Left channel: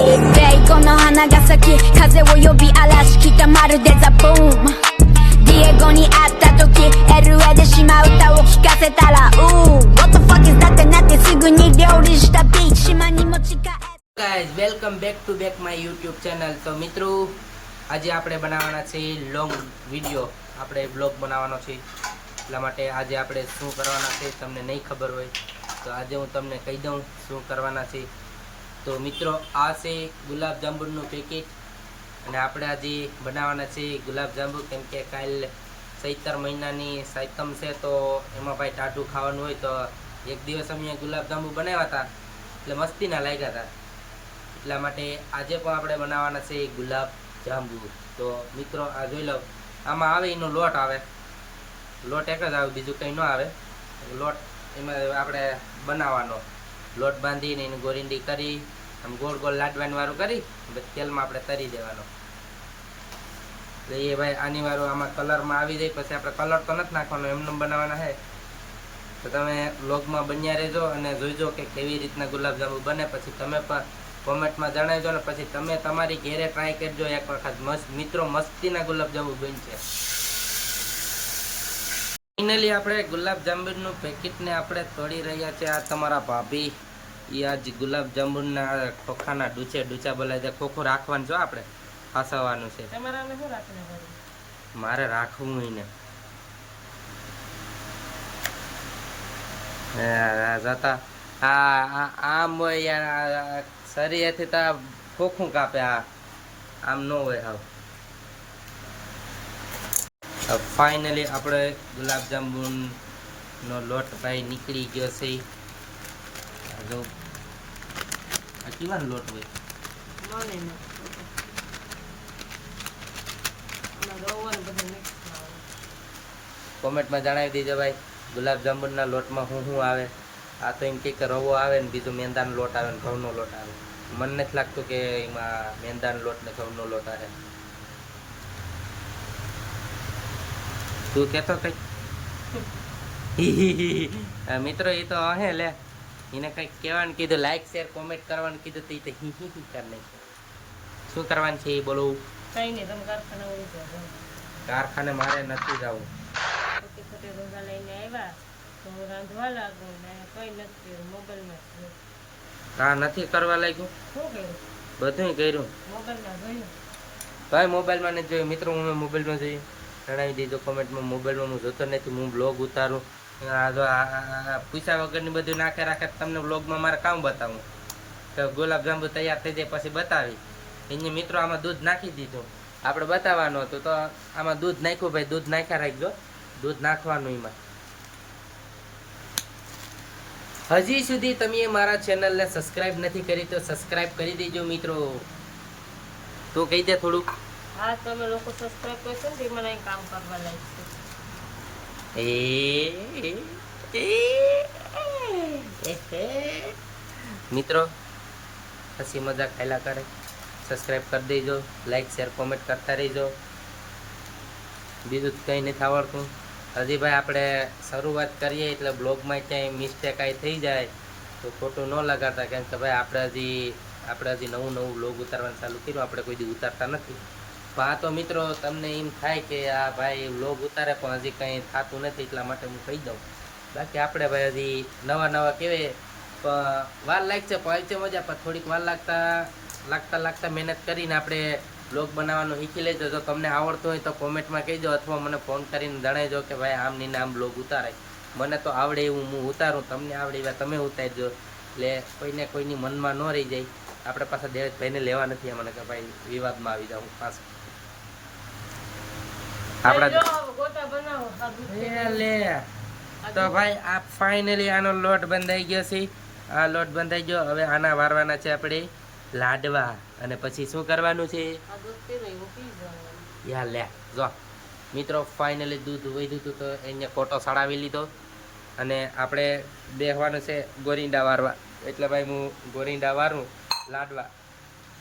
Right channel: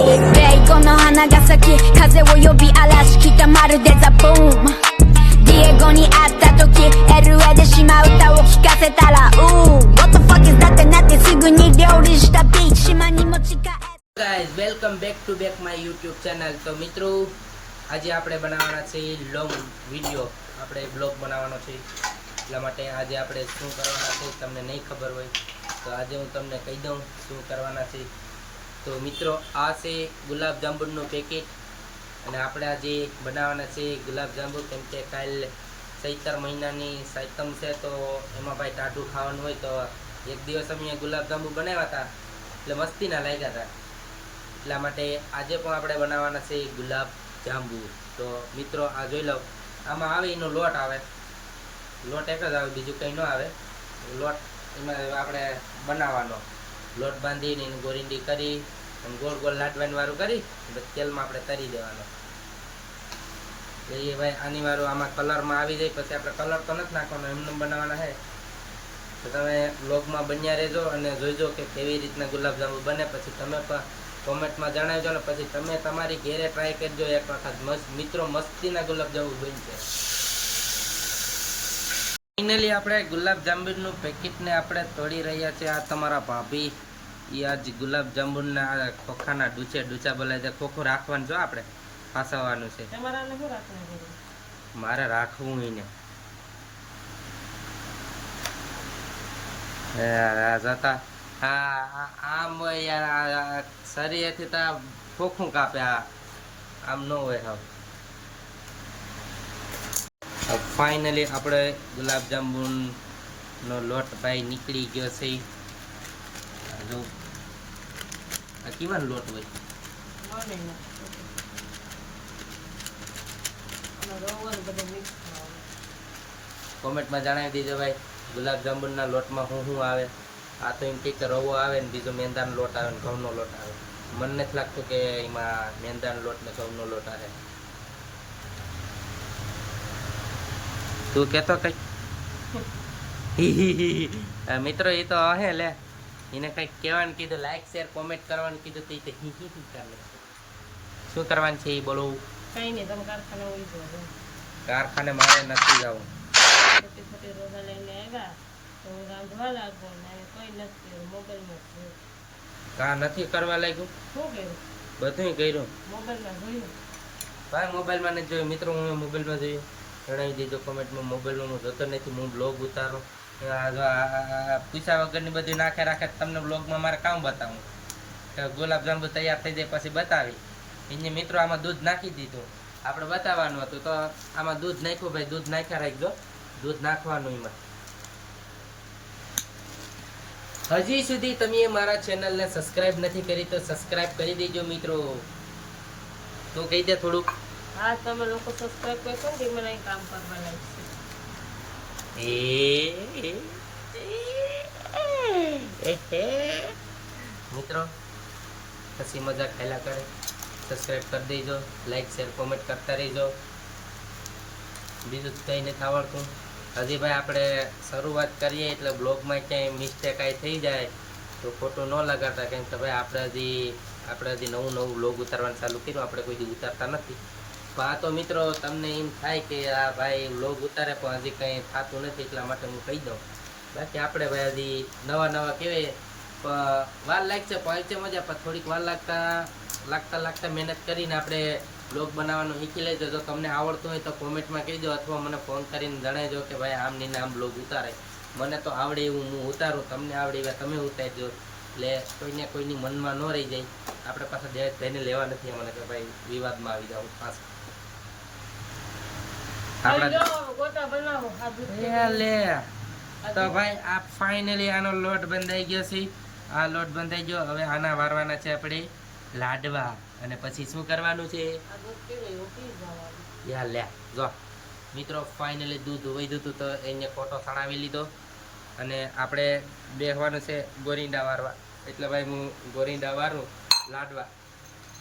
ベイコの花が咲き風を呼び嵐来たまるでザ・ブームディエゴに会った時 LA で島歌を聴かせたらWhat the fuck is that ってなってすぐに料理したビーチ島に持ち帰ગાઈઝ welcome back to back my YouTube channel તો મિત્રો આજે આપણે બનાવવાના છે લોંગ વિડીયો આપણે બ્લોગ બનાવવાનો છે એટલા માટે આજે આપણે શું કરવાના છે તમને નહીં ખબર હોય તો આજે હું તમને કહી દઉં શું કરવાના છે તો મિત્રો આ છે ગુલાબ જાંબુનું પેકેટ અને આપણે આજે બનાવવાના છે ગુલાબ જાંબુ કેમ કે કાલ ચૈતર મહિનાની સાતમ છે તો એમાં ભાઈ ટાઢું ખાવાનું હોય તો એક દિવસ અમે ગુલાબ જાંબુ બનાવ્યા હતા એટલે મસ્તીના લાગ્યા હતા એટલા માટે આજે પણ આપણે બનાવવાના છે ગુલાબ જાંબુ તો મિત્રો આ જોઈ લો આમાં આવે એનો લોટ આવે લોટ એક જ આવે બીજું કંઈ ન આવે લોટ એમાં આપણે બનાવવાનો લોટ બાંધીને એને ગોરીંડી કરી આમ ગોળ ગોળ લાડવાની વાળું કરી પછી તેલમાં આપણે તરી દેવાનો તો એ ભાઈ આની વાળું આમાં કલરમાં આવી જાય પછી આપણે કલર તો નથી નાખવાનો એમને બનાવવાના છે તો તમે વ્લોગમાં બન્યા રહેજો અને જોઈજો કે કેવી રીતના ગુલાબજાંબુ બને પછી તમે પણ કોમેન્ટમાં જણાવજો ને પછી તમે તમારી ઘેરે ટ્રાય કરજો એક વખત મિત્રો મસ્તીના ગુલાબજાંબુ બનશે ફાઇનલી આપણે ગુલાબજાંબુનું પેકેટને આપણે તોડી રહ્યા છે આ તમારા ભાભી એ આજ ગુલાબજાંબુના ખોખાના ડૂચા બોલાય છે ખોખું રાખવાનું જો આપણે ફસાવાનું છે મારે રાખવું એને જતા હા આમ હોય યાર શરીરથી તો ખોખું કાપે હા આમ ન હોય હા ફાઇનલી આપણે ગુલાબજાંબુનો લોટ ભાઈ નીકળી ગયો છે જો આ કેવાનો લોટ હોય કોમેન્ટમાં જણાવી દેજો ભાઈ ગુલાબજાંબુના લોટમાં શું આવે આ તો એમ કે રવો આવે ને બીજો મેંદાનો લોટ આવે ને ઘઉંનો લોટ આવે મને નથી લાગતું કે એમાં મેંદાનો લોટ ને ઘઉંનો લોટ આવે તું કહેતો કઈ મિત્રો એ તો હે લે એને કંઈક કહેવાનું કીધું લાઈક શેર કોમેન્ટ કરવાનું કીધું તો એ તો કર નહીં શું કરવાનું છે એ બોલો કઈ નહીં તમે કારખાને હોય છે કારખાને મારે નથી જવું ખોટી ખોટી રોજા લઈને આવ્યા તો હું રાંધવા લાગુ ને કઈ નથી કર્યું મોબાઈલમાં કા નથી કરવા લાગ્યું શું કર્યું બધું કર્યું મોબાઈલમાં જોયું ભાઈ મોબાઈલમાં નથી જોયું મિત્રો હું મોબાઈલમાં જોયું જણાવી દીધો કોમેન્ટમાં મોબાઈલમાં હું જોતો નથી હું બ્લોગ ઉતારું પૂછ્યા વગરની બધું નાખે રાખે તમને બ્લોગમાં મારે કામ બતાવું તો ગુલાબજાંબુ તૈયાર થઈ જાય પછી બતાવી એને મિત્રો આમાં દૂધ નાખી દીધું આપણે બતાવવાનું હતું તો આમાં દૂધ નાખ્યું ભાઈ દૂધ નાખ્યા રાખજો દૂધ નાખવાનું એમાં હજી સુધી તમે મારા ચેનલને સબસ્ક્રાઇબ નથી કરી તો સબસ્ક્રાઇબ કરી દેજો મિત્રો તો કહી દે થોડુંક હા તમે લોકો સબસ્ક્રાઇબ કરશો ને તે મને કામ કરવા લાગશે મિત્રો હસી મજાક ખાયલા કરે સબસ્ક્રાઇબ કરી દેજો લાઈક શેર કોમેન્ટ કરતા રહેજો બીજું કંઈ નથી આવડતું હજી ભાઈ આપણે શરૂઆત કરીએ એટલે બ્લોગમાં ક્યાંય મિસ્ટેક કાંઈ થઈ જાય તો ખોટું ન લગાડતા કેમ કે ભાઈ આપણે હજી નવું બ્લોગ ઉતારવાનું ચાલુ કર્યું આપણે કોઈ દી ઉતારતા નથી પણ આ તો મિત્રો તમને એમ થાય કે આ ભાઈ બ્લોગ ઉતારે પણ હજી કંઈ થતું નથી એટલા માટે હું કહી દઉં બાકી આપણે ભાઈ હજી નવા કહેવાય પણ વાર લાગશે પણ છે મજા પણ થોડીક વાર લાગતા મહેનત કરીને આપણે બ્લોગ બનાવવાનું શીખી લેજો જો તમને આવડતું હોય તો કોમેન્ટમાં કહેજો અથવા મને ફોન કરીને જણાવજો કે ભાઈ આમ ને આમ બ્લોગ ઉતારાય મને તો આવડે એવું હું ઉતારું તમને આવડે એવા તમે ઉતારજો એટલે કોઈની મનમાં ન રહી જાય આપણે પાછા દેવેશભાઈને લેવા નથી મને કે ભાઈ વિવાદમાં આવી જાઉં પાછા તો ભાઈ આ ફાઇનલી આનો લોટ બંધાઈ ગયો છે આ લોટ બંધાઈ ગયો હવે આના વારવાના છે આપણે લાડવા અને પછી શું કરવાનું છે યા લે જો મિત્રો ફાઇનલી દૂધ વધ્યું હતું તો એને કોટો સડાવી લીધો અને આપણે બેસવાનું છે ગોરિંડા વારવા એટલે ભાઈ હું ગોરિંડા વારું લાડવા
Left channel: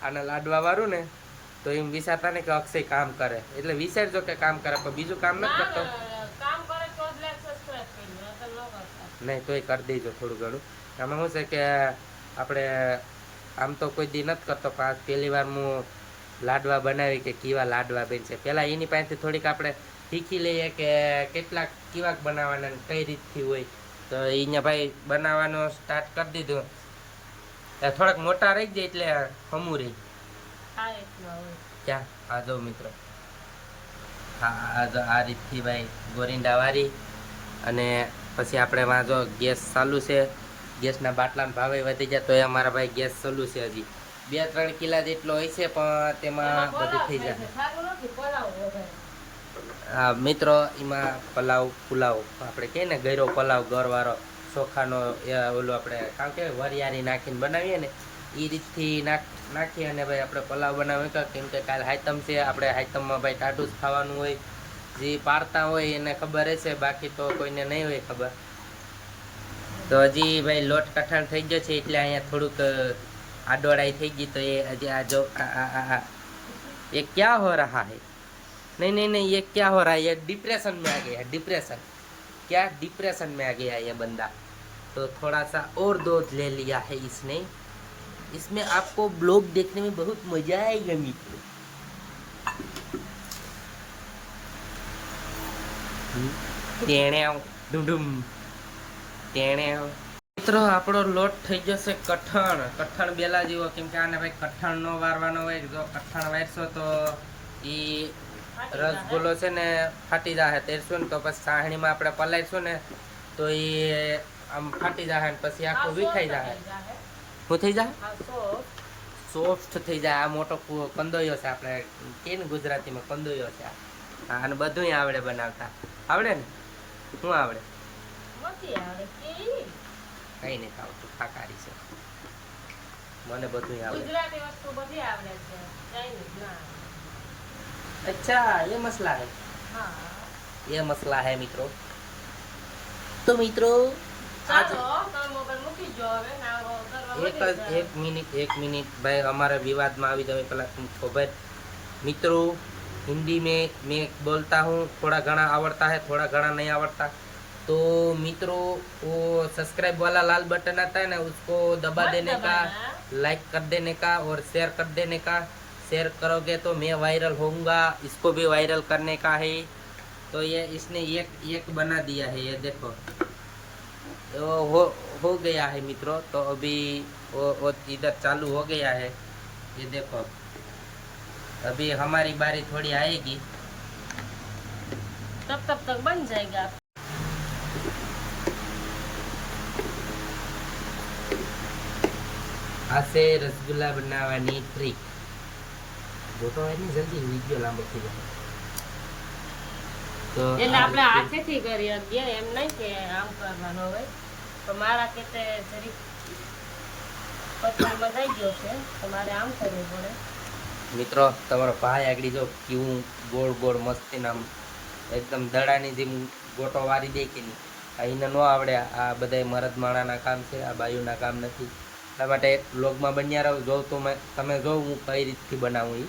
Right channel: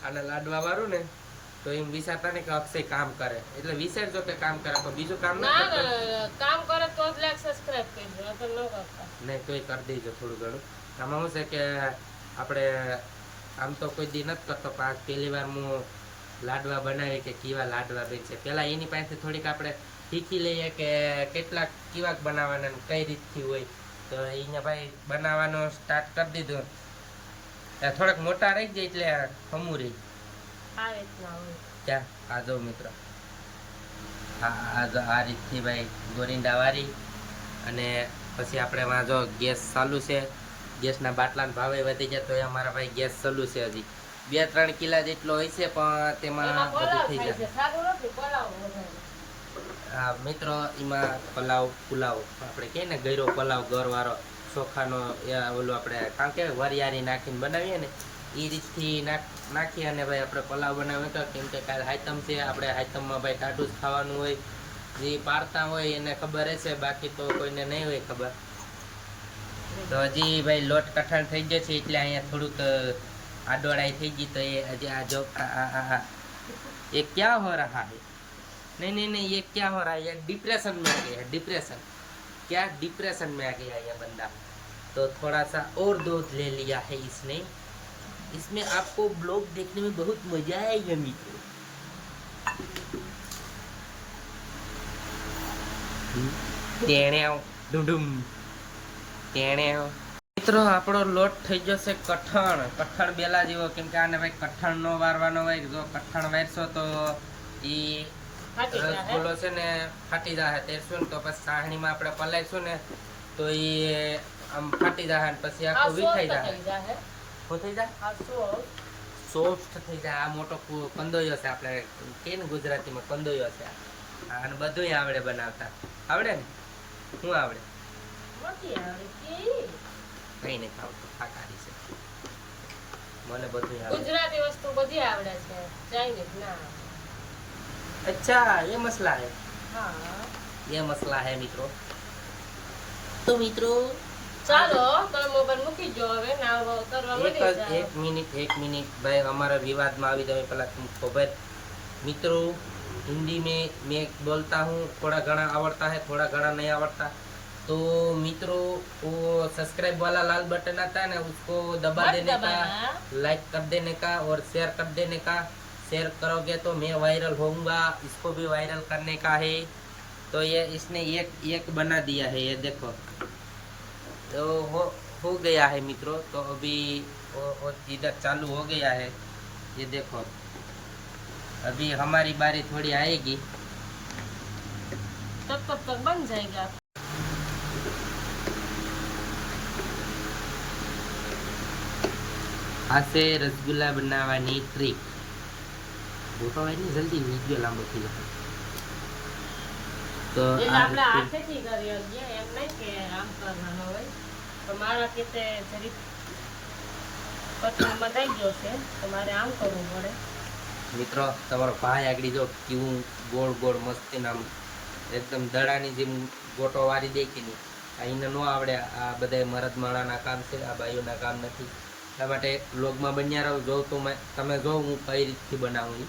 આના લાડવા વારું ને તો એમ વિચારતા ને કે અક્ષય કામ કરે એટલે વિચારજો કે કામ કરે પણ બીજું કામ નથી કરતો કામ કરે તો જ લાઈક સબસ્ક્રાઇબ કરજો નહીં તોય કરી દેજો થોડું ઘણું આમાં શું છે કે આપણે આમ તો કોઈ દી નથી કરતો, પણ આજ પહેલી વાર હું લાડવા બનાવી કે કેવા લાડવા બન છે. પહેલાં એની પાસેથી થોડીક આપણે શીખી લઈએ કે કેટલાક કેવાક બનાવવાના ને કઈ રીતથી હોય. તો અહીંયા ભાઈ બનાવવાનો સ્ટાર્ટ કરી દીધું. થોડાક મોટા રહી જાય એટલે હમું રહી આ રીતના હોય. ક્યાં આ જો મિત્રો, આ રીતથી ભાઈ ગોરિંડા વારી અને પછી આપણે વાં જો ગેસ ચાલુ છે. ગેસના બાટલાના ભાવે વધી જાય તો એ અમારા ભાઈ ગેસ ચાલુ છે. હજી 2-3 કિલા જેટલો હોય છે, પણ તેમાં બધું થઈ જાય. હા મિત્રો, એમાં પુલાવ આપણે કહીએ ને ગયરો પલાવ ગરવાળો ચોખાનો ઓલું આપણે કારણ કે વરિયાળી નાખીને બનાવીએ ને એ રીતથી નાખીએ અને ભાઈ આપણે પલાવ બનાવીએ. કેમ કે કાલે હાયતમ છે, આપણે હાયતમમાં ભાઈ ટાઢું જ ખાવાનું હોય. જે પારતા હોય એને ખબર હશે, બાકી તો કોઈને નહીં હોય ખબર. તો હજી ભાઈ લોટ કઠણ થઈ ગયો છે એટલે અહીંયા થોડુંક આડોડાઈ થઈ ગઈ. તો એ હજી આ જો ये क्या हो रहा है? नहीं, ये क्या हो रहा है? ये डिप्रेशन में आ गया है. डिप्रेशन क्या? डिप्रेशन में आ गया है ये बंदा. तो थोड़ा सा और दूध ले लिया है इसने. इसमें आपको ब्लॉग देखने में बहुत मजा आएगा मित्रों. મિત્રો આપણો લોટ થઈ જશે કઠણ બેલા જેવો. કેમ કે આને ભાઈ કઠણ નો વારવાનો હોય. જો કઠણ વારશો તો ઈ રસગુલ્લો છે ને ફાટી જાય. તેરશું ને તો પછી સાહણીમાં આપણે પલાળશું ને તો એ આમ ફાટી જાય ને પછી આખું વિખાઈ જાય. શું થઈ જાય? સોફ્ટ થઈ જાય. આ મોટો કંદોયો છે, આપણે કે ને ગુજરાતીમાં કંદોયો છે. અને બધું આવડે બનાવતા. આવડે ને? શું આવડે? કઈ નથી આવડતું, ફાકારી છે. મને બધું આવડે. ગુજરાતી વસ્તુ બધી આવડે છે, ચાઇનીઝ ના. अच्छा ये मसला है. હા, ये मसला है મિત્રો. તો મિત્રો ચાલો તમે મોબાઈલ મૂકી જો હવે ના કરવા एक मिनट भाई हमारे विवाद में આવી जाए पहला तुम खबर. मित्रों हिंदी में मैं बोलता हूँ, थोड़ा घना आवड़ता है, थोड़ा घना नहीं आवड़ता. तो मित्रों वो सब्सक्राइब वाला लाल बटन आता है ना, उसको दबा देने का, लाइक कर देने का और शेयर कर देने का. शेयर करोगे तो मैं वायरल होऊंगा. इसको भी वायरल करने का है. तो ये इसने एक बना दिया है, ये देखो. तो हो गया है मित्रों. तो अभी वो इधर चालू हो गया है, ये देखो. अभी हमारी बारी थोड़ी आएगी, तब तक बन जाएगा. આ છે રસગુલ્લા બનાવવાની ટ્રીક. ગોટો હોય ને જલ્દી વિડીયો લાંબો થઈ જાય. તો એટલે આપણે હાથેથી કરી દઈએ, એમ નહીં કે આમ કરવાનું હોય. પણ મારા કેતે જરીક કઠણમાં થઈ ગયો છે, તો મારે આમ કરવું પડે. મિત્રો તમારો ભાઈ આગળ જો કેવું ગોળ ગોળ મસ્તી આમ એકદમ દડાની જેમ ગોટો વારી દે કે નહીં. એને ન આવડે. આ બધા મરદ માણાના કામ છે, આ બાયુના કામ નથી. એટલા માટે વ્લોગમાં બન્યા રહો. જો તમે જો હું કઈ રીતથી બનાવું.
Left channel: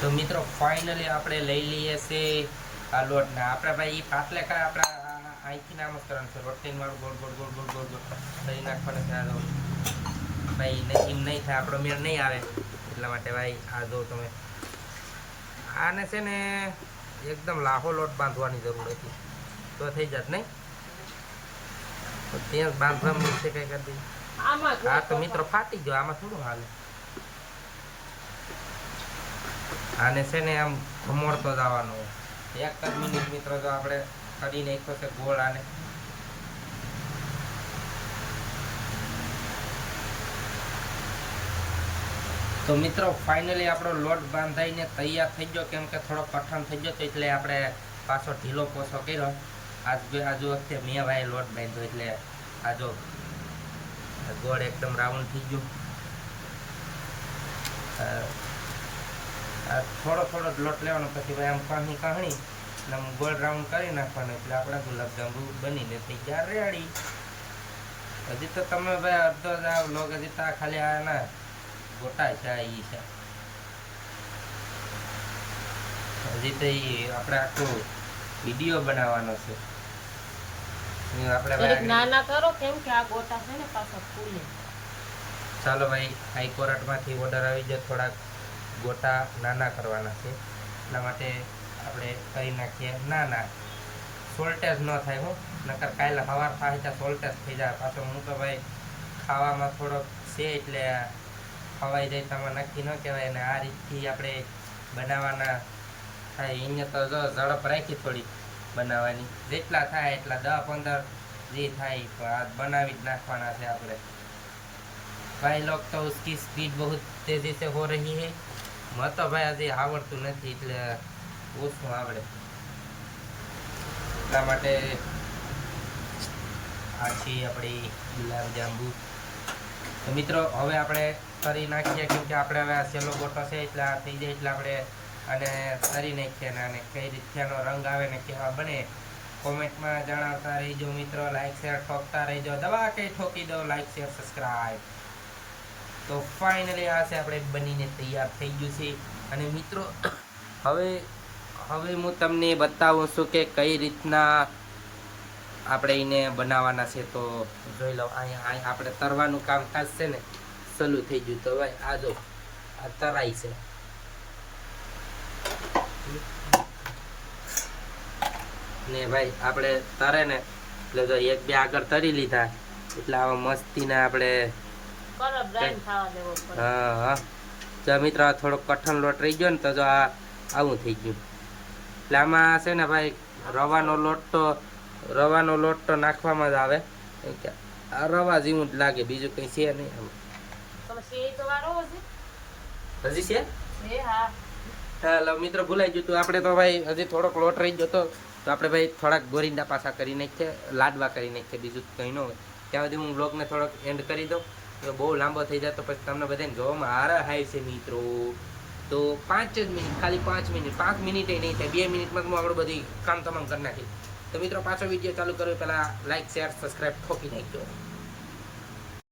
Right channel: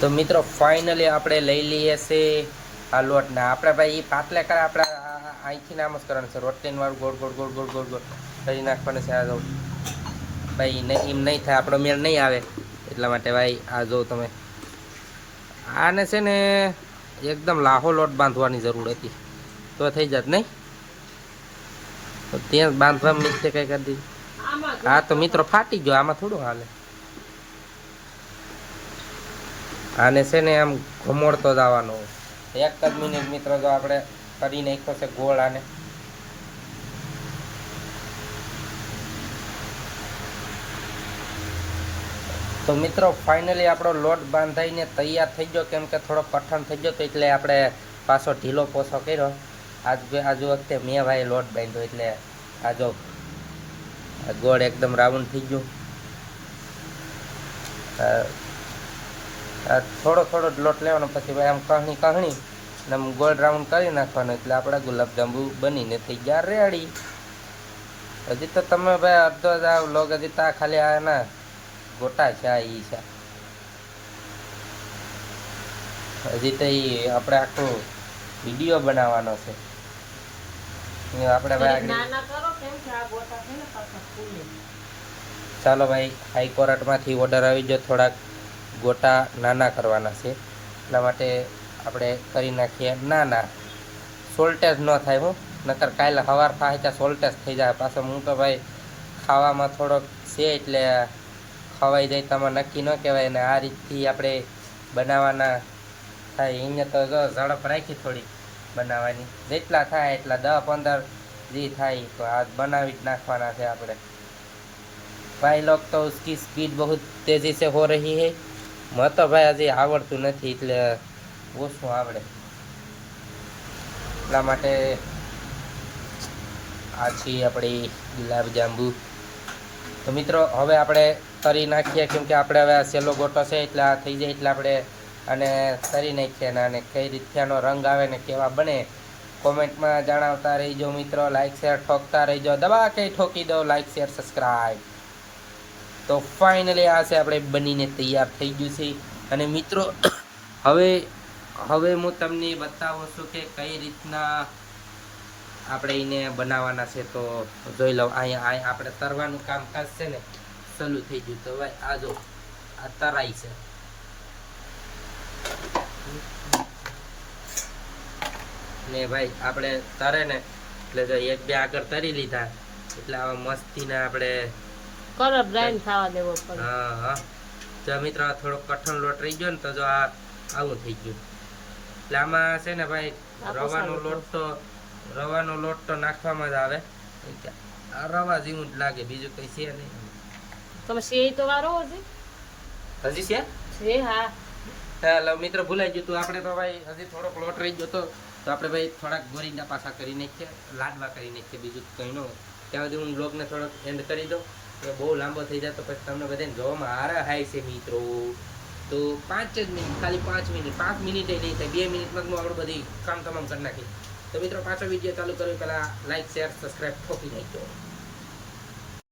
તો મિત્રો ફાઇનલી આપણે લઈ લઈએ છે આ લોટને. આપણે ભાઈ એ પાતલે કરે, આપણે અહીંથી નામ જ કરવાનું છે. રોટલીન વાળું ગોળ ગોળ ગોળ ગોળ ગોળ ગોળ કરી નાખવાનું છે. આ જો ભાઈ એમ નહીં થાય, આપણો મેળ નહીં આવે. એટલા માટે ભાઈ આ જો તમે આને છે ને એકદમ લાહો લોટ બાંધવાની જરૂર હતી તો થઈ જાત નહીં. ત્યાં બાંધવા મિસ્ટેક કઈ કરી દીધી. હા તો મિત્રો ફાટી ગયો. આમાં થોડું હાલે. આને છે ને આમ ઘમોડતો જ આવવાનો હોય. 1 જ મિનિટ મિત્રો જો આપણે કરી નાખ્યો છે ગોળ. આને તો મિત્રો ફાઇનલી આપણો લોટ બાંધાઈને તૈયાર થઈ ગયો. કેમ કે થોડો કઠણ થઈ ગયો તો એટલે આપણે પાછો ઢીલો પોસો કર્યો. આજુ વખતે મેં ભાઈ લોટ બાંધ્યો એટલે આ જો ગોળ એકદમ રાઉન્ડ થઈ ગયું. થોડો લોટ લેવાનો, પછી ભાઈ આમ કહણી ને આમ ગોળ રાઉન્ડ કરી નાખવાનો. એટલે આપણે ગુલાબજાંબુ બનીને થઈ ગયા રેડી. હજી તો તમે ભાઈ અડધો જ આ વ્લોગ હજી તો ખાલી આ ના ગોટા છે. આ ઈ છે હજી તો એ આપણે આખો વિડીયો બનાવવાનો છે. આપણે ભાઈ નાના કરો, કેમ કે આ ગોટા છે ને પાછો ફૂલે. ચાલો ભાઈ, હાઈકોર્ટમાંથી ઓર્ડર આવી ગયો, થોડાક ગોટા નાના કરવાના છે, એટલા માટે આપણે કરી નાખીએ નાના. સોલ્ટેજ ન થાય હું, નકર કાલે સવાર થાય ત્યાં સોલ્ટેજ થઈ જાય. પાછો હું તો ભાઈ ખાવામાં થોડોક છે એટલે ખવાઈ જાય તો નક્કી ન કહેવાય. ને આ રીતથી આપણે બનાવવાના થાય. એને તો જો ઝડપ રાખી થોડી બનાવવાની, જેટલા થાય એટલા 10-15 જે થાય તો આ બનાવી જ નાખવાના છે આપણે. भाई लोग तो उसकी स्पीड बहुत तेज़ी से हो रही है. मैं तो भाई हજી આવડતું નથી એટલે ઓછું આવડે, એટલા માટે આ છે આપણી ગુલાબજાંબુ. તો મિત્રો હવે આપણે તરી નાખીએ, કેમ કે આપણે હવે આ સેલો ગોટો છે એટલે આ થઈ જાય એટલે આપણે અને તરી નાખીએ. અને કઈ રીતનો રંગ આવે ને કેવા બને કોમેન્ટમાં જણાવતા રહીજો મિત્રો. લાઈક શેર ઠોકતા રહીજો, દબા કે ઠોકી દો લાઈક શેર સબસ્ક્રાઈબ. તો ફાઇનલી આ છે આપણે બનીને તૈયાર થઈ ગયું છે. અને મિત્રો હવે હું તમને બતાવું છું કે કઈ રીતના આપણે એને બનાવવાના છે. તો જોઈ લો, અહીંયા આપણે તરવાનું કામકાજ છે ને સલું થઈ ગયું. તો ભાઈ આ જો આ તરાઈ છે. ને ભાઈ આપણે તરે ને એટલે જો 1-2 આગળ તરી લીધા એટલે આવા મસ્તીને આપણે હા. તો મિત્રો થોડોક કઠણ લોટ રહી ગયો ને તો જો આ આવું થઈ ગયું. એટલે આમાં છે ને ભાઈ રવાનો લોટ તો નાખવામાં જ આવે. આ રવા જેવું જ લાગે, બીજું કઈ છે નહીં. હજી છે હા મિત્રો ભૂલાઈ ગયું હતું. આપણે તો ભાઈ હજી થોડોક લોટ રહી ગયો તો આપણે ભાઈ થોડાક ગોરીંડા પાછા કરી નાખીએ, લાડવા કરી નાખીએ, બીજું કંઈ ન હોય. ત્યાં સુધી હું બ્લોગને થોડોક એન્ડ કરી દઉં. તો બહુ લાંબો થઈ જાય તો પછી તમને બધાને જોવામાં હારા હાય છે મિત્રો. તો 5 જ મિનિટ, ખાલી 5 મિનિટ, 5 મિનિટે નહીં થાય, 2 મિનિટમાં હું આપણું બધી કામ તમામ કરી નાખી. તો મિત્રો પાછો વિડીયો ચાલુ કરવી પહેલાં લાઈક શેર સબસ્ક્રાઈબ ઠોકી નાખજો.